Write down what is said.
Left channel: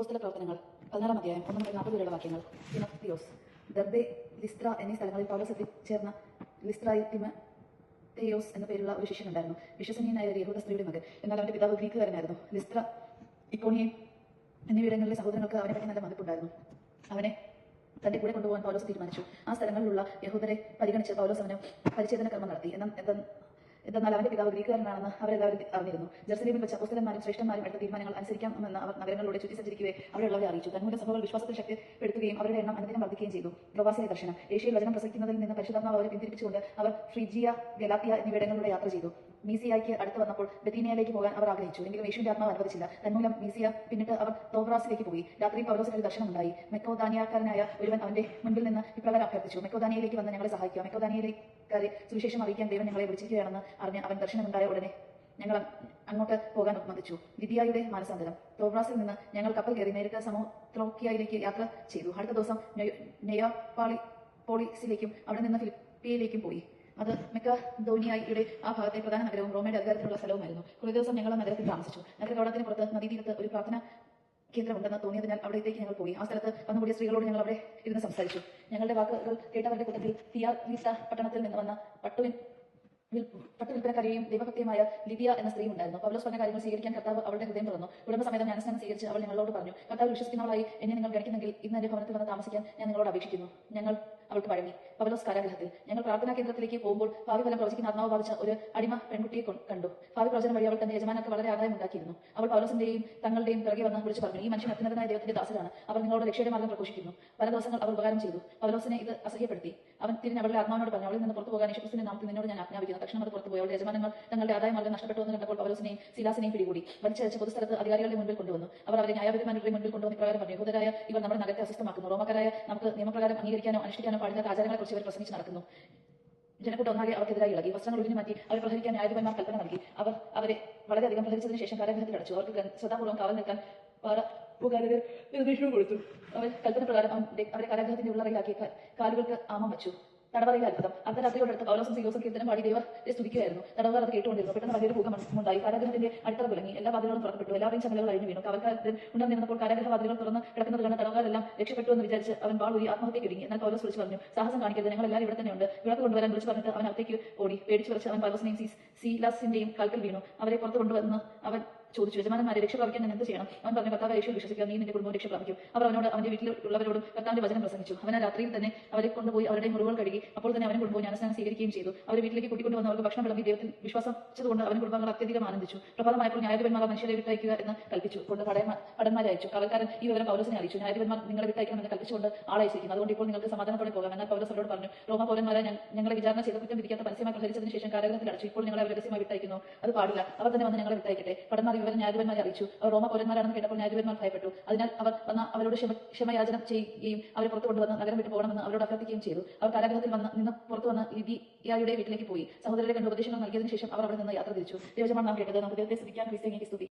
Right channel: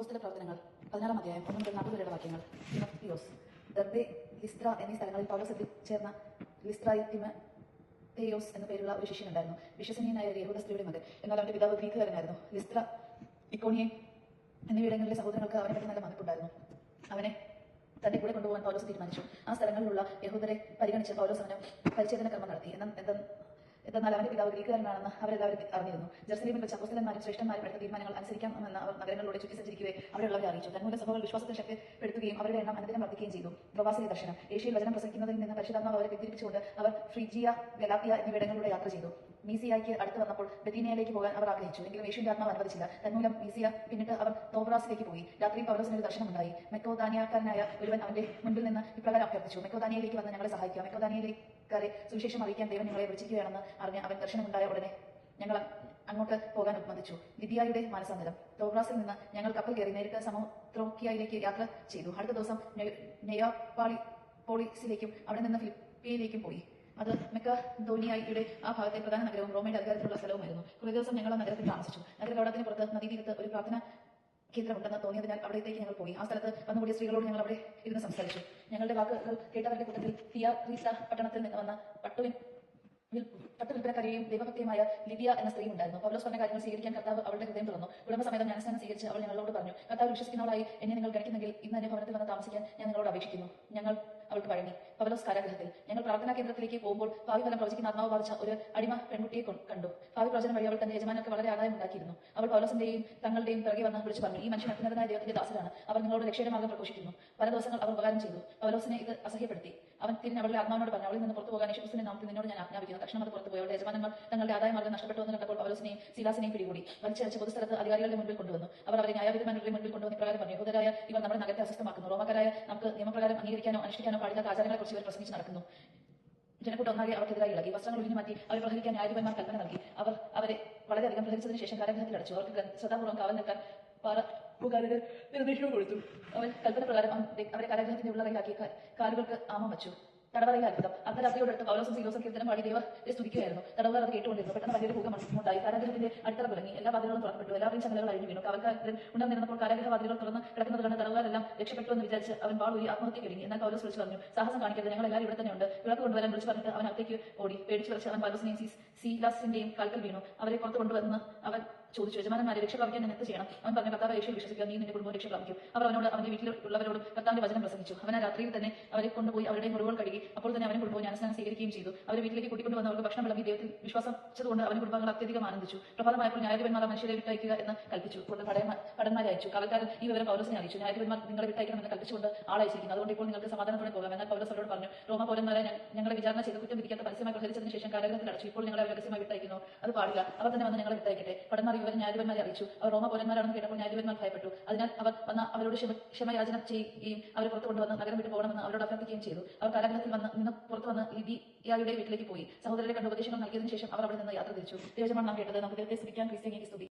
പുസ്തക പ്രവർത്തനങ്ങൾ പതിനാറാം അധ്യായം ഒന്ന് മുതൽ നാൽപ്പത് വരെയുള്ള വാക്യങ്ങൾ. തിമോത്തിയോസ് ദബ്ബെ ലിസ്ത്ര എന്നീ സ്ഥലങ്ങളിൽ പൗലോസ് എത്തിച്ചേർന്ന ലിസ്ട്രായി തിമോത്തിയോസ് എന്ന പേരുള്ള ഒരു ശിഷ്യനുണ്ടായിരുന്നു വിശ്വസനീയനായ ഒരു യഹൂദ സ്ത്രീയുടെ മകൻ. എന്നാൽ അവന്റെ പിതാവ് ഗ്രീക്കുകാരനായിരുന്നു ലിസ്ത്ര ഇപ്പോണിയെ എന്നിവിടങ്ങളിലെ സഹോദരങ്ങൾക്ക് അവനെ പറ്റി നല്ല മതിപ്പുണ്ടായിരുന്നു. അവനെ തന്റെ കൂടെ കൊണ്ടുപോകാൻ പൗലോസ് തീരുമാനിച്ചു. ആ സ്ഥലങ്ങളിലുള്ള യഹൂദരെ പരിഗണിച്ച് പൗലോസ് അവന് പരിചേതന കർമ്മം നടത്തി. എന്നാൽ എന്തെന്ന് എന്നാൽ അവന്റെ പിതാവ് ഗ്രീക്കുകാരനാണെന്ന് അവരെല്ലാവരും അറിഞ്ഞിരുന്നു ജെറുസലേമിൽ വെച്ച് അപ്പോസ്തലന്മാരും ശ്രേഷ്ഠന്മാരും എടുത്ത തീരുമാനങ്ങൾ അനുസരിക്കാം എന്നാണ് അവർ നഗരങ്ങളിലൂടെ ചുറ്റി സഞ്ചരിക്കുകയെ അവിടെയുള്ളവരെ അറിയിച്ചു. തങ്ങളുടെ സംഭവം വിശ്വാസത്തെ ശക്തിപ്പെടുത്തുകയും അവരുടെ എണ്ണം അനുദിനം വർദ്ധിക്കുകയും ചെയ്തു. പ്രവാസിയ ദർശനം. ഏഷ്യയിൽ വചനം പ്രസംഗിക്കുന്നതിൽ നിന്ന് പരിശുദ്ധാത്മാവ് അവരെ പിന്തിരിപ്പിച്ചുകൊണ്ട് അവർ ഫ്രിജിയ ഗലാപ്പിയ എന്നിവിടങ്ങളിലൂടെ യാത്ര ചെയ്തു. മീസിയായ്ക്ക് അടുത്ത് വന്നപ്പോൾ ബെറ്റീനയിലേക്ക് പോകാൻ അവർ ആഗ്രഹിച്ചു. എങ്കിലും ഏഷ്യന്റെ ആത്മാവ് അനുവദിച്ചില്ല. തന്മൂലം മീസിയ പിന്നിട്ട് അവർ തോബ്രാസിലേക്ക് പോയി. രാത്രി പൗരോസിനൊരു ദർശനം ഉണ്ടായി മെക്കോദാനിയാക്കാരനായ ഒരുവൻ അവന്റെ മുൻപിൽ നിന്ന് ഇപ്രകാരം അഭ്യർത്ഥിച്ചു. മെക്കോദാനിയയിലേക്ക് വന്ന് ഞങ്ങളെ സഹായിക്കുക. മെക്കോദാനിയയിലേക്കാരെ സുവിശേഷം അറിയിക്കാൻ ദൈവം നിങ്ങളെ വിളിച്ചിരിക്കുകയാണെന്ന് അറിഞ്ഞ് അവൻ ദർശനമുണ്ടായ ഉടനെ ഞങ്ങൾ അങ്ങോട്ട് പോകാൻ നിർബന്ധിച്ചു ലിബിയായുടെ മാനസാന്തരം. തോബ്രാസിൽ നിന്ന് ഞങ്ങൾ കപ്പൽ കയറി നേരിട്ട് സമോത്രോക്കിയയിലേക്ക് യാത്ര ചെയ്തു. അടുത്ത ദിവസം നെയ്യാപ്പാളി പോളിസിലേക്കും അവിടെ നിന്ന് ഫിലിപ്പിയയിലേക്കും പോയി. അത് മിക്ക ധോനിയായിയുടെ ആ ഭാഗത്തെ പ്രധാന നഗരവും റോമയുടെ അധികാരത്തിലുള്ള സ്ഥലവുമായിരുന്നു. കുറേ ദിവസം ഞങ്ങൾ നഗരത്തിൽ താമസിച്ചു. നഗരത്തോടത്തിന് പുറത്ത് നദീതീരത്ത് ഒരു പ്രാർത്ഥന കേന്ദ്രമുണ്ടെന്ന് തോന്നിയതിനാൽ അവിടേക്ക് ഞങ്ങൾ പോയി. ആ സ്ഥലത്ത് വന്നുകൂടിയ സ്ത്രീകളോട് ഞങ്ങൾ അവിടെ ഇരുന്ന് സംസാരിച്ചു. ഞങ്ങളുടെ വാക്കുകൾ കേട്ടവരുടെ കൂട്ടത്തിൽ ഫിയാർ വിസ പട്ടണത്തിൽ നിന്ന് വന്ന പട്ടുവിൻ വിൽപ്പനക്കാരെയും ദൈവഭക്തിയുമായ ലിഡിയ എന്ന സ്ത്രീ ഉണ്ടായിരുന്നു. പൗലോസ് പറഞ്ഞ കാര്യങ്ങൾ സ്വീകരിക്കാൻ കർത്താവ് അവളുടെ ഹൃദയം തുറന്നു. കുടുംബസമേതം ജ്ഞാനസ്ഥാനം സ്വീകരിച്ച് അവൾ ഞങ്ങളോട് പറഞ്ഞു കർത്താവ് വിശ്വസിക്കുന്നവളായി എന്നെ നിങ്ങൾ ഗ്രഹിക്കുന്നെങ്കിൽ ഇന്ന് എന്റെ ഭവനത്തിൽ വന്ന് താമസിക്കാൻ ഞാൻ നിങ്ങളോട് അപേക്ഷിക്കുന്നു. ഞങ്ങൾ അവൾക്ക് വഴങ്ങി. പൗലോസ് കാരാഗ്രഹത്തിൽ. ഞങ്ങൾ പ്രാർത്ഥനാ കേന്ദ്രത്തിലേക്ക് പോകുമ്പോൾ ഭാവി ഫലം പ്രവചിക്കുന്ന ആത്മാവ് ബാധിച്ച ഒരു അടിമ പെൺകുട്ടിയെ കണ്ടു. ഭാവി പ്രവചനം വഴി അവൾ തന്റെ യജമാനൊക്കെ വളരെ ആദായം ഉണ്ടാക്കിയിരുന്നു. അവൾ പൗലോസിന്റെയും തങ്ങളുടെയും പിറകെ വന്ന് വിളിച്ചു പറഞ്ഞു ഈ മനുഷ്യൻ അത്യുന്നതനായ ദൈവത്തിന്റെ ദാസരാണ് അവർ നിങ്ങളോട് രക്ഷയുടെ മാർഗം പ്രഘോഷിക്കുന്നു. പല ദിവസങ്ങൾ അവർ ഉപകാരം ചെയ്തു. പൗലോസിനെ ഇത് അസഹ്യപ്പെടുത്തി. അവൻ തിരിഞ്ഞ് അവളുടെ ആത്മാവിനോട് പറഞ്ഞു അവളിൽ നിന്ന് പുറത്തു പോകാൻ യേശുക്രിസ്തുവിന്റെ നാമത്തിൽ നിന്നോട് ഞാൻ ആജ്ഞാപിക്കുന്നു. തക്ഷണം അത് പുറത്തു പോയി. അവളുടെ യജമാനങ്ങൾ തങ്ങളുടെ ആദായ മാർഗം നഷ്ടപ്പെട്ടു എന്ന് കണ്ടപ്പോൾ പൗലോസിനെയും ശിലാസിനെയും പിടികൂടി. വലിച്ചയച്ച് പൊതുസ്ഥലത്ത് അധികാരികളുടെ മുമ്പിൽ കൊണ്ടുവന്നു. അവർ അവരെ ന്യായാധിപന്മാരുടെ മുമ്പിൽ കൊണ്ടുവന്ന് ഇപ്രകാരം പറഞ്ഞു യഹൂദരായ ഇവർ നമ്മുടെ നഗരത്തെ അസ്വസ്ഥമാക്കുന്നു. റോമക്കാരായ നമുക്ക് നിയമപ്രകാരം അംഗീകരിക്കാനോ അനുഷ്ഠിക്കാനോ പാടില്ലാത്ത ആചാരങ്ങളെക്കുറിച്ച് അവർ പ്രസംഗിച്ച് നടക്കുന്നു. ജനക്കൂട്ടം ഒന്നാകെ അവർക്കെതിരായി ഇളകി വസ്ത്രങ്ങൾ ഒഴിഞ്ഞു മാറ്റി അവർ പ്രഹരിക്കാൻ ന്യായാധിപന്മാർ കൽപ്പന നൽകി അവർ അവരെ വളരെയധികം പ്രഹരിച്ചതിന് ശേഷം കടഗ്രഹത്തിൽ അടച്ചു. അവർക്ക് ശ്രദ്ധാപൂർവം കാവൽ നിൽക്കാൻ പാറപ്പുകാരുടെ നിർദ്ദേശവും കൊടുത്തു. അവർ കൽപ്പന പ്രകാരം അവരെ കടഗ്രഹത്തിന്റെ ഉള്ളറയിലാക്കി കാലുകൾക്ക് ആമം വച്ചു. തടവറയിൽ അത്ഭുതം അർദ്ധരാത്രിയോടടുത്ത് പൗലോസും സീലോസും കീർത്തനം പാടി സ്തുതിക്കുകയായിരുന്നു. തടവറ അത് കേട്ടുകൊണ്ടിരുന്നു. പെട്ടെന്ന് വലിയൊരു ഭൂകമ്പം ഉണ്ടായി കാരാഗ്രഹത്തിന്റെ അടിത്തറ തുടങ്ങി. എല്ലാ വാതിലുകളും തുറക്കപ്പെട്ടു. എല്ലാവരെയും ചങ്ങലകൾ കഴിഞ്ഞു വീണു. കവൽക്കാരൻ ഉണർന്നിരുന്നപ്പോൾ കാരാഗ്രഹ വാതിലുകൾ തുറന്ന് കിടക്കുന്നത് കണ്ട തടവുകാരെല്ലാം രക്ഷപ്പെട്ടു എന്ന് വിചാരിച്ച് അവൻ വാൾ ആത്മഹത്യയ്ക്ക് ഒരുങ്ങി എന്നാൽ പൗലോസ് വിളിച്ചു പറഞ്ഞു സാഹസം കാണിക്കരുത് ഞങ്ങൾ എല്ലാവരും ഇവിടെ തന്നെയുണ്ട്. വിളക്ക് കൊണ്ടുവരാൻ വിളിച്ചു പറഞ്ഞിട്ട് അവൻ അകത്തേക്ക് ഓടി. പേടിച്ചു വിളിച്ച് അവൻ സീലാസിന്റെയും കാൽക്കൽ വീണു അവരെ പുറത്ത് കൊണ്ടുവന്ന് അവൻ ചോദിച്ചു യജമാനന്മാരെ രക്ഷ പ്രാപിക്കാൻ ഞാൻ എന്ത് ചെയ്യണം? അവൻ പറഞ്ഞു കർത്താവ് രക്ഷ വിശ്വസിക്കുക നീ നിന്റെ കുടുംബം രക്ഷ പ്രാപിക്കും. അവർ അവനോട് അവന്റെ വീട്ടിലുള്ളവരോടും കർത്താവിന്റെ വചനം പ്രസംഗിച്ചു. അവൻ ആ രാത്രിയിൽ തന്നെ അവരെ കൊണ്ടുപോയി അവരുടെ മുറിവുകൾ കഴുകി അപ്പോൾ തന്നെ അവനെ കൊണ്ടുപോയി ജ്ഞാനസ്നാനം സ്വീകരിക്കുകയും ചെയ്തു. അവരെ വീട്ടിലേക്ക് കൂട്ടിക്കൊണ്ടുവന്ന് അവർക്ക് ഭക്ഷണം വിളമ്പി ദൈവത്തിൽ വിശ്വാസിച്ചതുകൊണ്ട് അവൻ കുടുംബങ്ങൾ അത്യധികം ആനന്ദിച്ചു. പ്രഭാതമായപ്പോൾ ന്യായാധിപന്മാർ മനുഷ്യരെ വിട്ടയക്കുക എന്ന് കൽപ്പിച്ചു. കൊണ്ട് പടന്മാരെ അയച്ചു. കവൽക്കാരൻ ഈ വിവരം കൗരസിനെ അറിയിച്ചു. ന്യായാധിപന്മാർ നിങ്ങളെ വിട്ടയക്കണമെന്ന് കൽപ്പിച്ചുകൊണ്ട് ആളയച്ചിരിക്കുന്നു. അതുകൊണ്ട് ഇപ്പോൾ നിങ്ങൾക്ക് സമാധാനത്തോടെ പോകാം. എന്നാൽ കൗരസരോട് പറഞ്ഞു റോമ പൗരന്മാരെ ഞങ്ങളെ വിചാരണ ചെയ്ത കുറ്റം വിധിക്കാത്ത പരസ്യമായി പ്രഹരിച്ചതിന് ഇപ്പോൾ നിങ്ങൾ നിങ്ങളെ രഹസ്യമായി വിട്ടയക്കുന്നു അത് പാടില്ല. അവർ തന്നെ വന്ന് ഞങ്ങളെ വിട്ടയക്കട്ടെ. പടന്മാർ ഇവർ ന്യായാധിപന്മാരെ അറിയിച്ചു. അവർ റോമ പൗരന്മാരാണെന്ന് കേട്ടപ്പോൾ ന്യായാധിപന്മാർ ഭയപ്പെട്ടു. അതിനാൽ അവർ വന്ന അവരോട് ക്ഷമയാചന ചെയ്യുകയും അവരെ പുറത്തു കൊണ്ടുവന്ന് നഗരം വിട്ടു പോകണമെന്ന് അവരോട് അഭ്യർത്ഥിക്കുകയും ചെയ്തു. അവർ കാരാഗ്രഹത്തിൽ വന്ന് നിന്ന് പുറത്തു വന്ന് ലിബിയായുടെ വീട്ടിലേക്ക് പോയി. സഹോദരരെ കണ്ട് ഉപദേശങ്ങൾ നൽകിയതിനു ശേഷം അവർ അവിടെ നിന്ന് യാത്ര തിരിച്ചു. ദേവജമാണ് നാം കേട്ടത് നമുക്ക് ദൈവത്തെ